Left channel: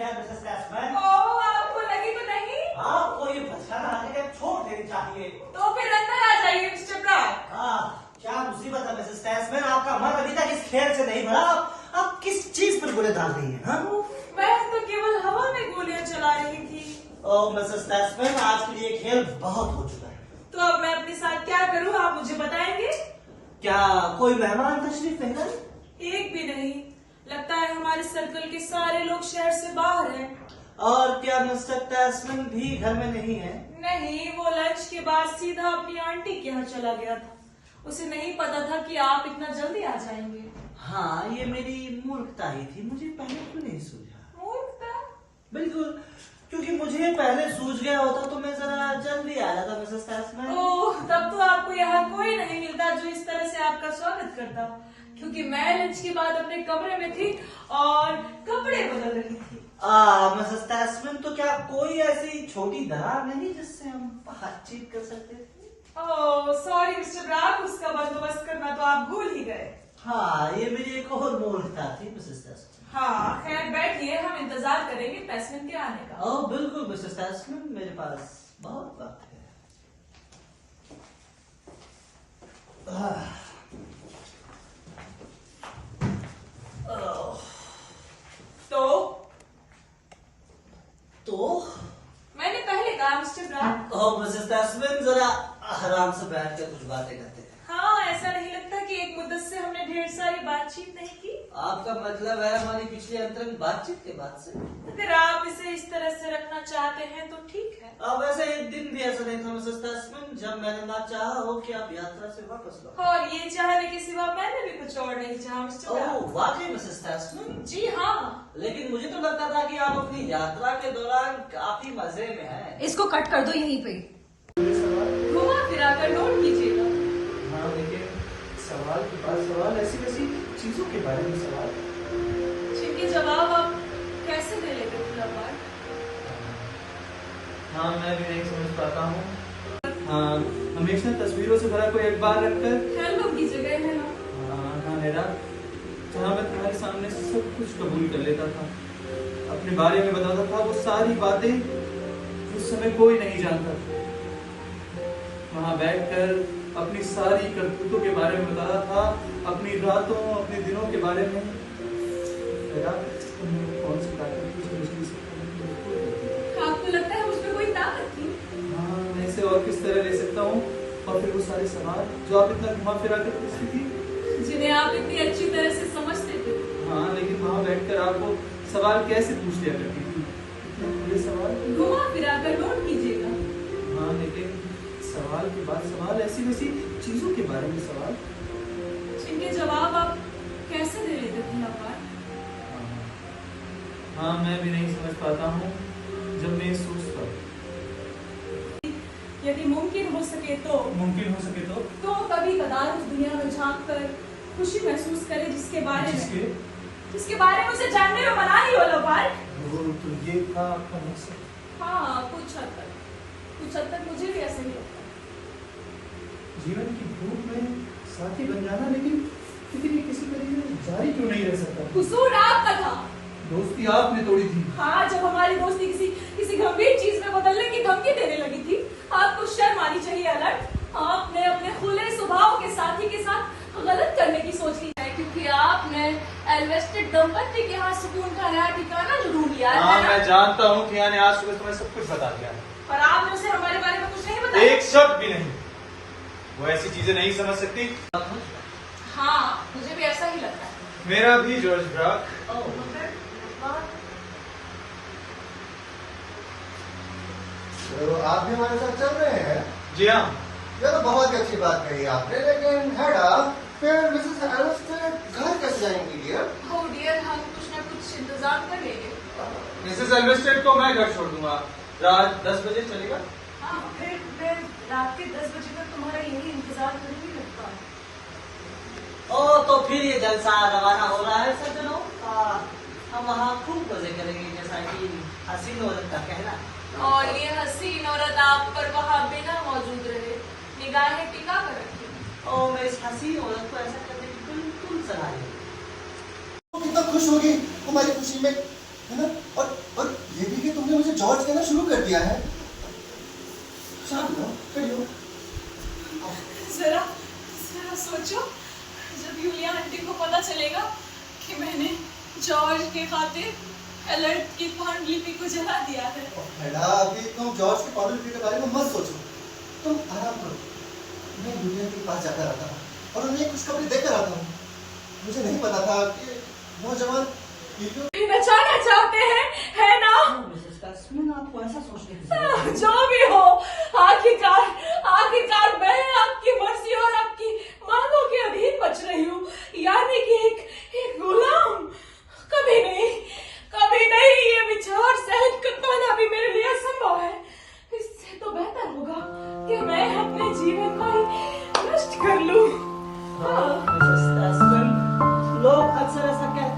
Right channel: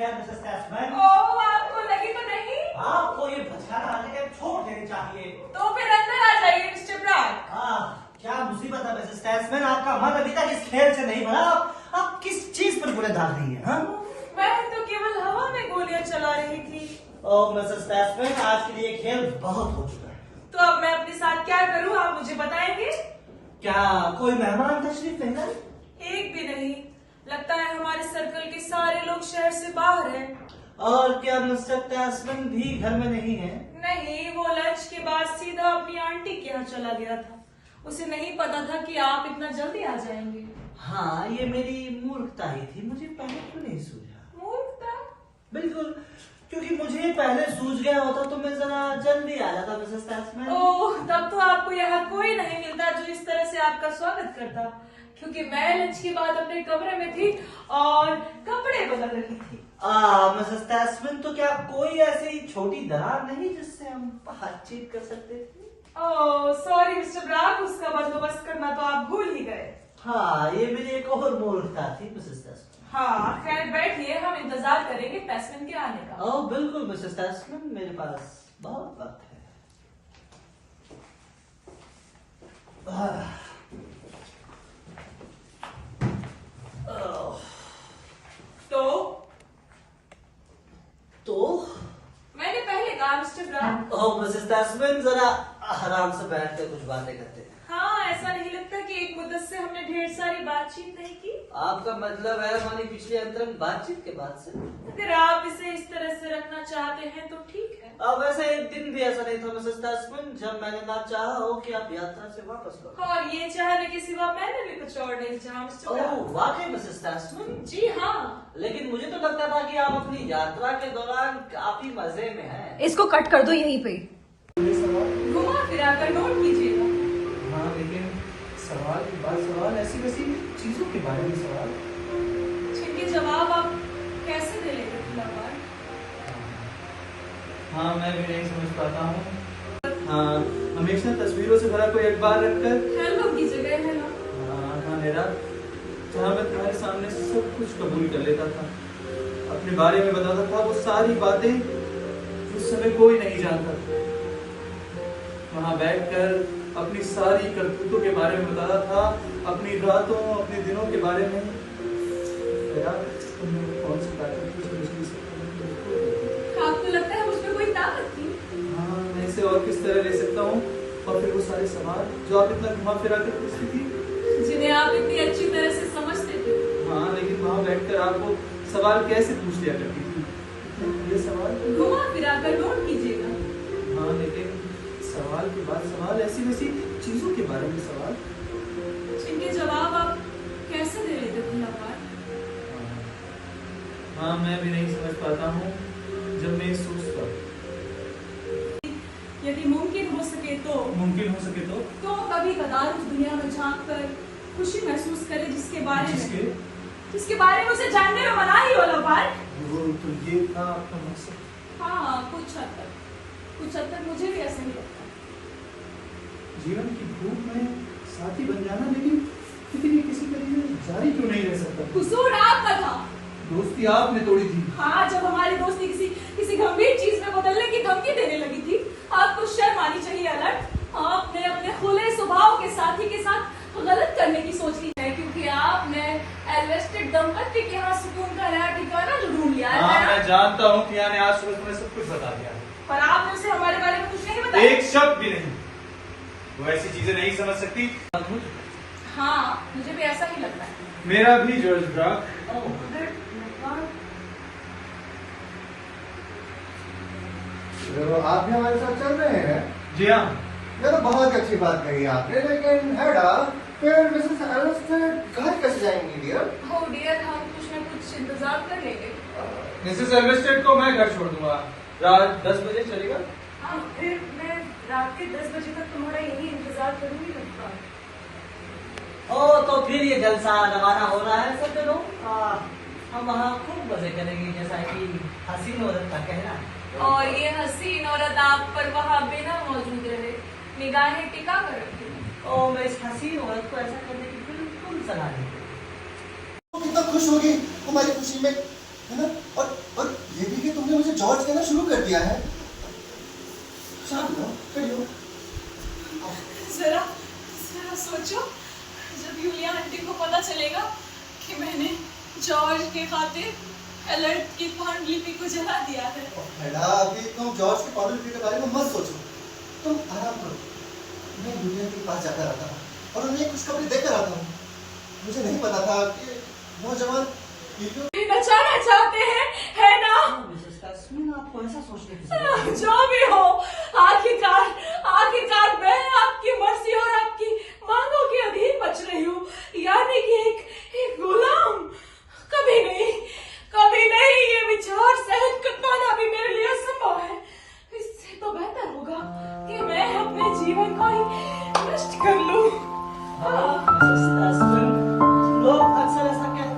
जाए मिसेस कैसमैन। ओह, आपको लगी तो नहीं? आपको ये भटकाना आर्किटेक्ट छोड़ देनी चाहिए। तो फिर अंदर आ जाइए मिस्टर ब्राक। क्या मुसीबत है मिसेस कैसमैन, आपका मन अभी तक इस खेल से नहीं भरा। आप किस चीज पर गोले डाल रही हैं? हाँ? मैं तो केवल हवा में गोलियां चला रही थी। ओह मिसेस कैसमैन, आज के लिए खेल बहुत हो चुका है। तो अब मैं अपने साथ क्या करूं, आप मुझे बताएंगे? क्या कोई मेहमान तशरीफ नहीं लाए? एक भी नहीं। लगता है हमारे सर्कल के सारे लोग शहर से बाहर हैं। और क्या मिस्टर कैसमैन भी घर में नहीं है? नहीं, वो लंच के बाद सीधा अपनी आंटी के यहाँ चला गया था। उसे नहीं पता था कि आप इतना जल्दी आ जाएंगे। हाँ, ये मेरी मूर्खता ही थी, मुझे पहले क्यों नहीं सूझा? मूर्खता? बिल्कुल, क्योंकि मुझे पहले सूझ गया होता तो मैं जरा जल्दी आ जाता मिसेस कैसमैन। ओह, तब तो आपको यहाँ कोई नहीं मिलता जो इस तरह से आपका स्वागत करता, क्योंकि मैं लंच के बाद अपने कमरे में थी और कपड़े बदल रही थी। मिसेस कैसमैन, तो क्या कोई ऐसी छोटी दरार नहीं जिससे हम बातचीत कर सकते थे? ओह सॉरी मिस्टर ब्राक, उसका बंदोबस्त करना तो आप भूल ही गए। हाँ, ये मेरी एक और मूर्खता थी मिसेस कैसमैन। हाँ खैर, बैठिए, हम इंतजार करेंगे कैसमैन के आने का। ओह बिल्कुल मिसेस कैसमैन, मेरे पास बहुत वक्त है। तो मैंने पहले कहा मिस्टर ब्राक। ओह मिसेस कैसमैन, जरा आराम से बैठ कर कुछ बातें करते हैं। हाँ, ऐसा नहीं लगता कि एक मुद्दत से हमने ढेर सारी बातचीत नहीं की? आपका मतलब है हमारी पिछली अंतरंग बातचीत के बाद से? अगर आप इसे इस तरह से रखना चाहते हैं तो ठीक है। अब वैसे एक दिन भी ऐसा नहीं था मिसेस कैसमैन जब मैंने ना चाहा हो कि आप यात्रा से वापस लौटें। और ये चाहने के सिवा मैंने भी कुछ और नहीं चाहा मिस्टर ब्राक। ओह वाकई मिसेस कैसमैन, जी हाँ। लेकिन मुझे तो लगता था कि आप अपनी यात्रा के दौरान काफी मजे में हैं। इसको कट कर दो यहीं पे। घुमा फिरा कर नोट कीजिएगा। हाँ, लेकिन सवाल के बाद सवाल, ऐसी वैसी चीजों के बारे में सवाल। जिनके जवाब आप कैसे दे लेते खुलाबार? हाँ, मैं भी नहीं समझ पाता हूँ। हाँ, हमेशा तस्वीरों से भरा कोई अखबार रखकर। हेलो की जगह है ना। हाँ मेरा, जहाँ मैं तुम्हारे सामने सब कुछ कबूल कर लेता था, अपने बारे में बताता था वो सारी बातें उस समय कोई नहीं जानता था। वहाँ बैठकर अपनी सारी करतूतों के बारे में बताता था, अपनी रातों अपने दिनों के बारे में। मेरा तुमने कौन सी ताकत थी जो मुझे इसे आपको लगता है उसमें कोई ताकत थी? हाँ, मैं इसे और किस तरह ले सकता हूँ? और फिर वो सारे सवाल जो आप इतना घुमा फिरा कर पूछती थी, जिन्हें आप इतनी अच्छी तरह से समझते थे। हाँ, लेकिन वहाँ बैठकर आपको सवाल कैसे पूछ लिया करती थी? इतने ये सवाल। घुमा फिरा कर नोट कीजिएगा। हाँ, लेकिन सवाल के बाद सवाल, ऐसी वैसी चीजों के बारे में सवाल। जिनके जवाब आप कैसे दे लेते खुलाबार? हाँ, मैं भी नहीं समझ पाता हूँ जब मैं सोचता हूँ। यदि मुमकिन हो सके तो मुमकिन हो सके तो कभी कदार उस दुनिया में झांक कर खुशी महसूस करे जिसके बारे में उसे जानने में मनाही हो लबार। तो ये था आपका मकसद? हाँ, कुछ हद तक मुझे भी ऐसा ही लगता है। जीवन की भूख में साथी बन जाना, लेकिन ये किसी तरीके जारी क्यों नहीं रह सकता? कसूर आपका था। दोस्ती आपने तोड़ी थी। हाँ, जब हमारी दोस्ती किसी गंभीर चीज में बदलने की धमकी देने लगी थी, आपको शर्म आनी चाहिए अलर्ट। आपने अपने खुले स्वभाव के साथी के साथ गलत करने की सोच ली है, क्योंकि आपने एल्वेस्टेड दंपत्ति के यहाँ सुकून का नया ठिकाना ढूंढ लिया है। हाँ, मैं जानता हूँ कि यानी आज सुबह तुम्हें सब कुछ बता दिया है, पर आपने उसे हमारे बारे में कुछ नहीं बताया। एक शब्द भी नहीं। वो ऐसी चीजें नहीं समझ सकती। हाँ, मुझे भी ऐसा ही लगता है। मेरा भी जॉर्ज ब्राक। तो आप भी हमारे साथ चल रहे हैं? जी हाँ। ये तो बहुत अच्छी बात कही आपने, लेकिन हेड आप फिर मिसेस एल्वेस्टेड घर कैसे जाएंगे डियर? हो डियर, हम कुछ न कुछ इंतजार करेंगे। मिसेस एल्वेस्टेड को मैं घर छोड़ दूंगा। रात 10 बजे चलेगा? हाँ, फिर मैं रात के 10 बजे तक तुम्हारा यही इंतजार करूंगी लगता। ओ तो फिर ये जलसा रवाना हो रहा है सज्जनों। हम वहाँ खूब मजे करेंगे, जैसा कि हसीन औरत का कहना है। और ये हसीन औरत आप पर वहाँ बिना मौजूद रहे, निगाहें टिका कर रखी। और मैं इस हसीन औरत को ऐसा करने की बिल्कुल सलाह देता हूँ। कितना खुश होगी हमारी खुशी में, है ना? और कर दिया है। शांत हो, खड़ी हो। जरा जरा सोचो, जब यूलिया आंटी को पता चलेगा कि मैंने जॉर्ज के खातिर अलर्ट की पांडुलिपि को जला दिया है। हेडा, अभी तुम जॉर्ज की पांडुलिपि के बारे में मत सोचो, तुम आराम करो। मैं यूलिया के पास जाकर आता हूँ और उन्हें खुशखबरी देकर आता हूँ। मुझे नहीं पता था कि नौजवान बचाना चाहते हैं, है ना? मिसेस कास्मिन, आपको ऐसा सोचने की जरूरत नहीं। जो भी हो, आखिरकार मैं आपकी मर्जी और आपकी मांगों के अधीन बच रही हूँ, यानी कि एक गुलाम। कभी नहीं ये विचार सहन कर पाना भी मेरे लिए असंभव है। इससे तो बेहतर होगा कि मैं अपने जीवन को ही नष्ट कर लूं। मिसेस कास्मिन, लोग अक्सर ऐसा कहते